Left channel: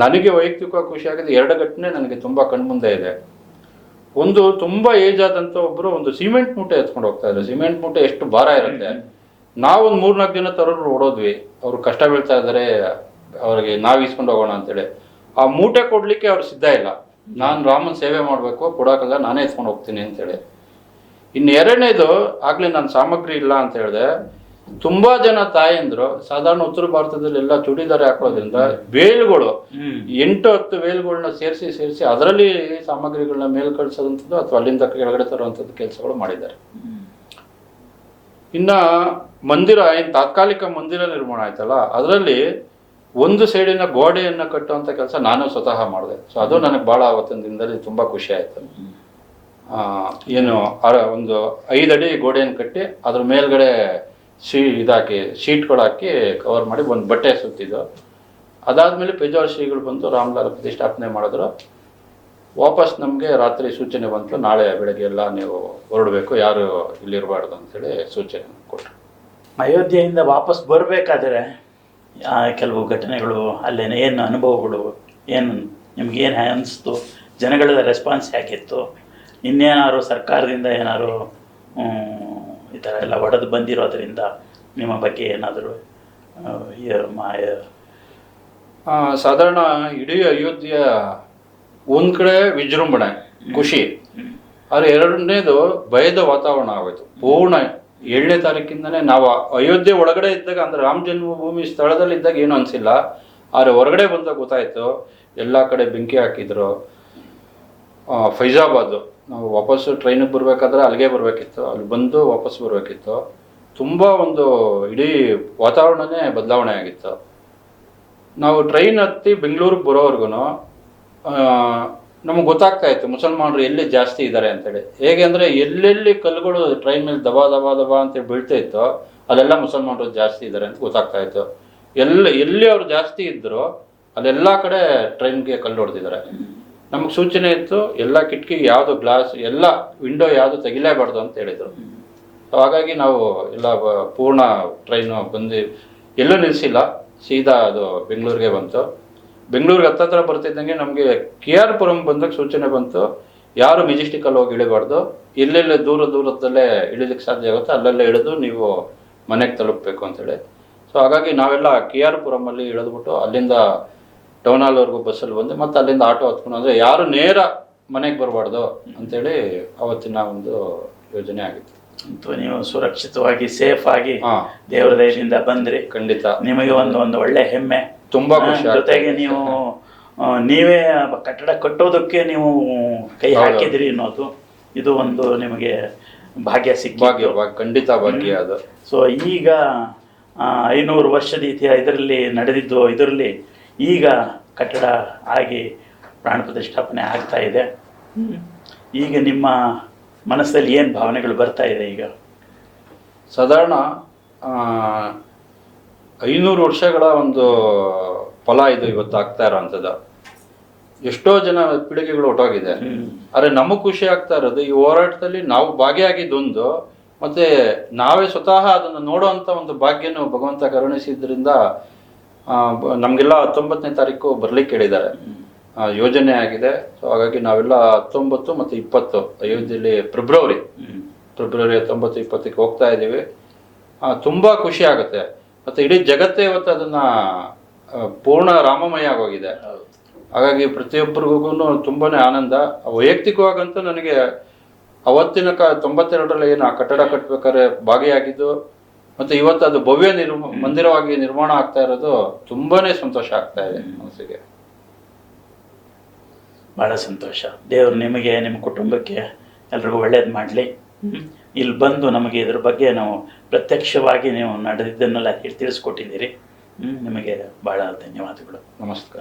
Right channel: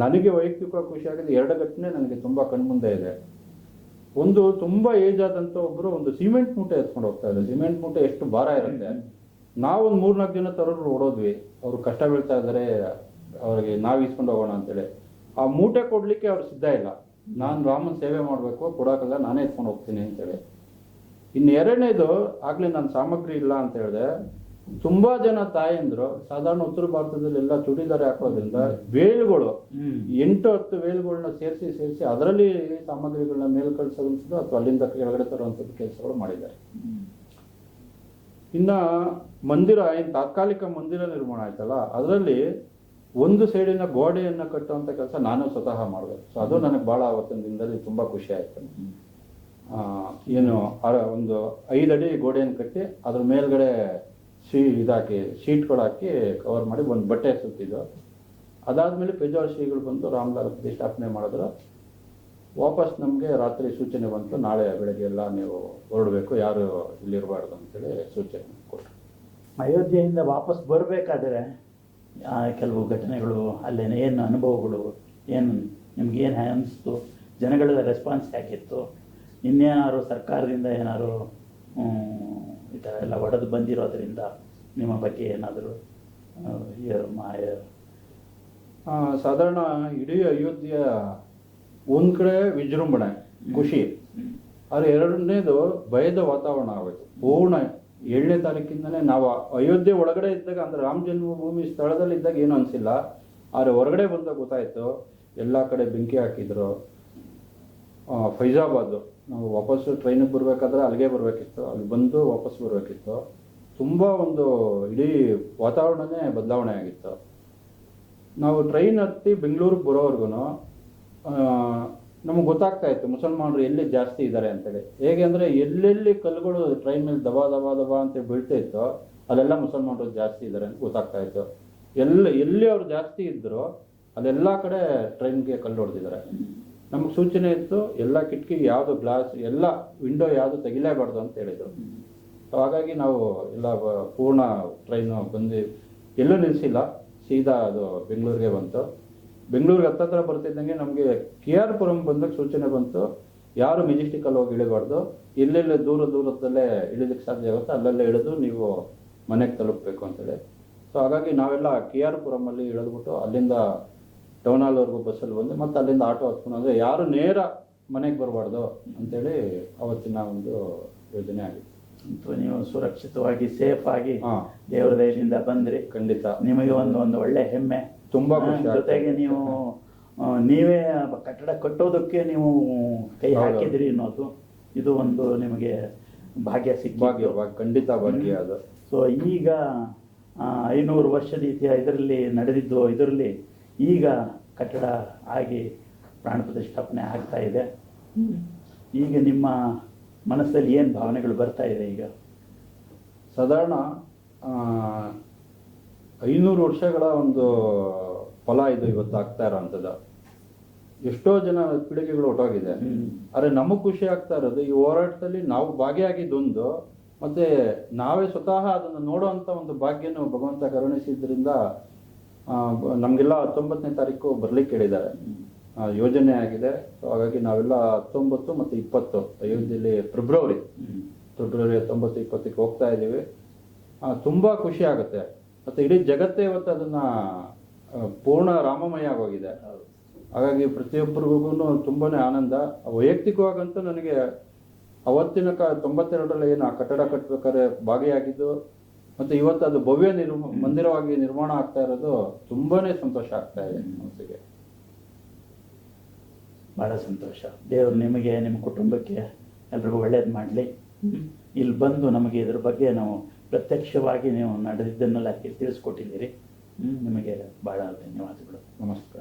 ನನಗೆ ವೈಯಕ್ತಿಕವಾಗಿ ಖುಷಿ ಆಗಿದೆ. 2 ಘಟನೆ ನನಗೆ ತುಂಬ ಕಣ್ಮುಂದೆ ಇದೆ. ಒಂದು ತುಂಬ ಏಜ್ ಆದಂಥ ಒಬ್ಬರು ಒಂದು ಸಿಮೆಂಟ್ ಮೂಟೆ ಎತ್ಕೊಂಡು ಹೋಗ್ತಾ ಇದ್ದಾರೆ. ಸಿಮೆಂಟ್ ಮೂಟೆ ಎಷ್ಟು ಭಾರ ಇರುತ್ತೆ. ನಾವೊಂದು 3-4 ಜನ ತರೋರು ಓಡೋದ್ವಿ. ಅವರು ಕಷ್ಟ ಬೀಳ್ತಾ ಇದ್ದಾರೆ, ಅವ್ರಿಗೆ ನಾವು ಇಸ್ಕೊಂಡು ಹೋಗೋಣ ಅಂತೇಳಿ. ಆ ಮೂಟೆ ಕೊಡ್ಲಿಕ್ಕೆ ಅವ್ರು ಸಿದ್ಧ ಇಲ್ಲ. ನಾನು ರಾಮನ ಸೇವೆ ಮಾಡಬೇಕು, ಕೊಡೋಕ್ಕಲ್ಲ, ನಾನೇ ಎತ್ಕೊಂಡು ಹೋಗ್ತೀನಿ ಅಂತೇಳಿ. ಇನ್ನು 2ನೇದು, ಆಗಲೇ ನಾನು ಸಾಮಗ್ರಿ ಇಲ್ಲ ಅಂತ ಹೇಳಿದೆ. ತುಂಬಾ ಜನ ತಾಯಂದ್ರು ಸಾಧಾರಣ ಉತ್ತರ ಭಾರತದಲ್ಲಿ ಎಲ್ಲ ಚೂಡಿದಾರ ಹಾಕೋದ್ರಿಂದ ವೇಲ್ಗಳು 8-10 ವೇಲ್ಗಳನ್ನ ಸೇರಿಸಿ ಅದರಲ್ಲಿ ಸಾಮಗ್ರಿಗಳನ್ನ ಮೇಲ್ ಕಳಿಸೋದಂಥದ್ದು ಅಥವಾ ಅಲ್ಲಿಂದ ಕೆಳಗಡೆ ತರುವಂಥದ್ದು ಕೆಲಸಗಳು ಮಾಡಿದ್ದಾರೆ. ಇನ್ನ ಮಂದಿರ, ತಾತ್ಕಾಲಿಕ ಮಂದಿರ ನಿರ್ಮಾಣ ಆಯ್ತಲ್ಲ, ಅದರಲ್ಲಿ ಒಂದು ಸೈಡಿನ ಗೋಡೆಯನ್ನು ಕಟ್ಟುವಂಥ ಕೆಲಸ ನಾನು ಸ್ವತಃ ಮಾಡಿದೆ. ಸೊ ಅದು ನನಗೆ ಭಾಳ ಆವತ್ತಿನ ದಿನದಲ್ಲಿ ತುಂಬ ಖುಷಿ ಆಯಿತು. ಏನು ಒಂದು 5 ಅಡಿ ಗೋಡೆಯನ್ನು ಕಟ್ಟಿ ಅದ್ರ ಮೇಲ್ಗಡೆ ಇದಾಕಿ ಶೀಟ್ಗಳು ಹಾಕಿ ಕವರ್ ಮಾಡಿ ಒಂದು ಬಟ್ಟೆ ಸುತ್ತಿದ್ದು. ಅದಾದಮೇಲೆ ಪೇಜಾವರ ಶ್ರೀಗಳು ಬಂದು ರಾಮಲಾಲ್ ಪ್ರತಿಷ್ಠಾಪನೆ ಮಾಡಿದ್ರು. ವಾಪಸ್ ನಮಗೆ ರಾತ್ರಿ ಸೂಚನೆ ಬಂತು, ನಾಳೆ ಬೆಳಗ್ಗೆ ಎಲ್ಲ ನೀವು ಹೊರಡಬೇಕು, ಯಾರು ಇಲ್ಲಿರಬಾರ್ದು ಅಂತೇಳಿ ಸೂಚನೆ ಕೊಟ್ಟರು. ಅಯೋಧ್ಯೆಯಿಂದ ವಾಪಸ್ ಬರಬೇಕಾದ್ರೆ ಕೆಲವು ಘಟನೆಗಳು, ಅಲ್ಲೇನು ಏನು ಅನುಭವಗಳು, ಏನು ನಿಮ್ಗೇನು ಅನಿಸ್ತು, ಜನಗಳ ರೆಸ್ಪಾನ್ಸ್ ಹೇಗಿತ್ತು, ಇನ್ನೇನಾದ್ರು ಸರ್ಕಾರದಿಂದ ಏನಾದ್ರು ಈ ಥರ ಎಲ್ಲ ಒಡೆದು ಬಂದಿರೋದ್ರಿಂದ ನಿಮ್ಮ ಬಗ್ಗೆ ಏನಾದರೂ ಸಾಧಾರಣ ಇಡೀ ಅಯೋಧ್ಯೆಯ ಒಂದು ಕಡೆ ವಿಜೃಂಭಣೆ, ಖುಷಿ, ಆದರೆ 2ನೇದು ಭಯದ ವಾತಾವರಣ ಆಗೋಯ್ತು. ಪೂರ್ಣ 7ನೇ ತಾರೀಕಿಂದನೇ ನಾವು ಅಯೋಧ್ಯೆ ಒಳಗಡೆ ಇದ್ದಾಗ, ಅಂದರೆ ರಾಮ ಜನ್ಮಭೂಮಿ ಸ್ಥಳದಲ್ಲಿ ಇದ್ದಾಗ ಏನು ಅನಿಸಿಲ್ಲ. ಆದರೆ ಹೊರಗಡೆ ಬಂದಾಗ ಗೊತ್ತಾಯಿತು, ಎಲ್ಲ ಕಡೆ ಬೆಂಕಿ ಹಾಕಿದ್ರು. ಫೈಜಾಬಾದ್, ನಾವು ವಾಪಸ್ಸು ಟ್ರೈನಿಗೆ ಬರಬೇಕಾದ್ರೆ ಅಲ್ಲಿಗೆ ಬರಬೇಕಿತ್ತು, ಅಲ್ಲಿ ಬಂದು ವಾಪಸ್ ಬರಬೇಕಿತ್ತು. ತುಂಬ ಒಂದು ಇಡೀ ವಾತಾವರಣನೇ ಬದಲಾವಣೆ ಆಗಿತ್ತು. ನಾವು ಟ್ರೈನ್ ಹತ್ತಿ ಬೆಂಗಳೂರಿಗೆ ಬರೋವರೆಗೂ ನಮಗೆ ಗೊತ್ತಾಗ್ತಾ ಇತ್ತು ಮುಸಲ್ಮಾನರು ಎಲ್ಲಿ ಜಾಸ್ತಿ ಇದ್ದಾರೆ ಅಂತೇಳಿ. ಹೇಗೆ ಅಂದರೆ ಎಲ್ಲೆಲ್ಲಿ ಕಲ್ಲುಗಳು ಟ್ರೈನ್ ಮೇಲೆ ದಬಾ ಅಂತೇಳಿ ಬೀಳ್ತಾ ಇತ್ತು, ಅಲ್ಲೆಲ್ಲ ಮುಸಲ್ಮಾನರು ಜಾಸ್ತಿ ಇದ್ದಾರೆ ಅಂತ ಗೊತ್ತಾಗ್ತಾ ಇತ್ತು. ಎಲ್ಲಿ ಅವ್ರು ಜಾಸ್ತಿ ಇದ್ದರು ಅಲ್ಲೆಲ್ಲ ಕಡೆ ಟ್ರೈನ್ಗೆ ಕಲ್ಲು ಹೊಡೆದಿದ್ದಾರೆ. ನಮಗೆ ಸೂಚನೆ ಇತ್ತು, ಎಲ್ಲ ಕಿಟಕಿ ಯಾವುದು ಗ್ಲಾಸ್, ಎಲ್ಲ ವಿಂಡೋ ಯಾವುದು ತೆಗಿಲೇಬಾರ್ದು ಅಂತ ಹೇಳಿದರು. ಹಾಗಾಗಿ ನಾವು ಎಲ್ಲ ಪೂರ್ಣ ಟ್ರೈನು ಬಂದು ಎಲ್ಲೂ ನಿಲ್ಲಿಸಿಲ್ಲ, ಸೀದಾ ಅದು ಬೆಂಗಳೂರಿಗೆ ಬಂತು. ಬೆಂಗಳೂರಿಗೆ ಹತ್ತತ್ರ ಬರ್ತಿದ್ದಂಗೆ ನಮಗೆ KR ಪುರಂ ಬಂದಾಗ ಸೂಚನೆ ಬಂತು, ಯಾರು ಮೆಜೆಸ್ಟಿಕಲ್ಲಿ ಹೋಗಿ ಇಳಿಬಾರ್ದು, ಎಲ್ಲೆಲ್ಲ ದೂರದಲ್ಲೇ ಇಳಿಲಿಕ್ಕೆ ಸಾಧ್ಯ ಆಗುತ್ತೆ ಅಲ್ಲೆಲ್ಲ ಇಳಿದು ನೀವು ಮನೆಗೆ ತಲುಪಬೇಕು ಅಂತೇಳಿ. ಸೊ ಹಾಗಾಗಿ ನಾವೆಲ್ಲ KR ಪುರಮಲ್ಲಿ ಇಳಿದ್ಬಿಟ್ಟು ಅಲ್ಲಿಂದ ಟೌನ್ ಹಾಲ್ವರೆಗೂ ಬಸ್ಸಲ್ಲಿ ಬಂದು ಮತ್ತೆ ಅಲ್ಲಿಂದ ಆಟೋ ಹತ್ಕೊಂಡು, ಅಂದರೆ ಯಾರು ನೇರ ಮನೆಗೆ ಬರಬಾರ್ದು ಅಂತೇಳಿ ಅವತ್ತಿನ ಒಂದು ಯೋಜನೆ ಆಗಿತ್ತು. ನೀವು ಸುರಕ್ಷಿತವಾಗಿ ಸೇಫ್ ಆಗಿ ದೇವರ ದಯದಿಂದ ಬಂದ್ರಿ. ಖಂಡಿತ ನಿಮಗೆ ಒಂದು ಒಳ್ಳೆ ಹೆಮ್ಮೆ, ತುಂಬಾ ಖುಷಿ. ಜೊತೆಗೆ ನೀವು ನೀವೇ ಕಟ್ಟಡ ಕಟ್ಟೋದಕ್ಕೆ ನೀವು ಕೈ ಹಾಕಿದ್ರಿ ಅನ್ನೋದು ಇದು ಒಂದು ನಿಮಗೆ ಭಾಗ್ಯ ಭಾಗ್ಯ, ಖಂಡಿತ ಭಾಗ್ಯ ಅದು. ಸೊ ಈಗ 500 ವರ್ಷದ ಇದರಲ್ಲಿ ನಡೆದಿದ್ದು, ಇದರಲ್ಲಿ ಈಗ ಕಟ್ಟಡ ಆಗಿ ಪ್ರಾಣ ಪ್ರತಿಷ್ಠಾಪನೆ ಆಗ್ತಾ ಇದೆ. ಈಗ ನಿಮ್ಮ ಮನಸ್ಸಲ್ಲಿ ಏನು ಭಾವನೆಗಳು ಬರ್ತಾ ಇದೆ? ಈಗ ಸಾಧಾರಣ 500 ವರ್ಷಗಳ ಒಂದು ಫಲ ಇದು ಇವತ್ತು ಆಗ್ತಾ ಇರೋವಂಥದ್ದು. ಎಷ್ಟೋ ಜನ ಪೀಳಿಗೆಗಳು ಹೊಟ್ಟೋಗಿದೆ. ಆದರೆ ನಮಗೆ ಖುಷಿ ಆಗ್ತಾ ಇರೋದು ಈ ಹೋರಾಟದಲ್ಲಿ ನಾವು ಭಾಗಿಯಾಗಿದ್ದೊಂದು, ಮತ್ತೆ ನಾವೇ ಸ್ವತಃ ಅದನ್ನು ನೋಡುವಂಥ ಒಂದು ಭಾಗ್ಯನು ಭಗವಂತ ಕರುಣಿಸಿದ್ರಿಂದ ನಮಗೆಲ್ಲ 19ನೇ ತಾರೀಕು ಬರ್ಲಿಕ್ಕೆ ಹೇಳಿದ್ದಾರೆ, ಯೋಜನೆ ಆಗಿದೆ. ಸೊ ಹಾಗಾಗಿ ನಾವೆಲ್ಲ 19 ಮತ್ತು 20 ಅಯೋಧ್ಯೆಯಲ್ಲಿ ಫೆಬ್ರವರಿ 19, 20ಕ್ಕೆ ಹೋಗ್ತಾ ಇದ್ದೀವಿ. ತುಂಬ ಖುಷಿ ಆಗುತ್ತೆ. ಮತ್ತು ಇಡೀ ಜಗತ್ತೇ ಇವತ್ತು ಅದನ್ನು ಪೂರ್ಣ ರಾಮಮಯ ಆಗೋಗಿದೆ. ಹಾಗಾಗಿ ಪ್ರತಿಯೊಬ್ಬರಿಗೂ ತುಂಬಾ ಆನಂದ. ವೈಯಕ್ತಿಕವಾಗಂತೂ ನನಗೆ ಅವತ್ತಿನ 92ರಲ್ಲಿ ಏನು ಆ ಕಟ್ಟಡ ಕಟ್ಟಬೇಕಾದ್ರೆ ಭಾಗಿಯಾಗಿದ್ದು ಮತ್ತು ಇವತ್ತು ಅದು ಭವ್ಯ ಮಂದಿರವಾಗಿ ನಿರ್ಮಾಣ ಆಗ್ತಾ ಇರೋದು ತುಂಬಾ ಸಂತೋಷ ಆಗ್ತಾ ಇದೆ ಮನಸ್ಸಿಗೆ. ಭಾಳ ಸಂತೋಷ. ದೇವರು ನಿಮಗೆ, ನಿಮ್ಮ ಕುಟುಂಬಕ್ಕೆ ಎಲ್ರಿಗೂ ಒಳ್ಳೇದು ಮಾಡಲಿ. ಇಲ್ಲಿ ಬಂದು ನಮಗೆ ಇದ್ರ ಬಗ್ಗೆ ನಾವು ಪ್ರತ್ಯಕ್ಷವಾಗಿ ನೀವು ನಡೆದಿದ್ದನ್ನೆಲ್ಲ ತಿಳಿಸ್ಕೊಟ್ಟಿದ್ದೀರಿ. ನಿಮಗೆ ಭಾಳ ಧನ್ಯವಾದಗಳು. ನಮಸ್ಕಾರ.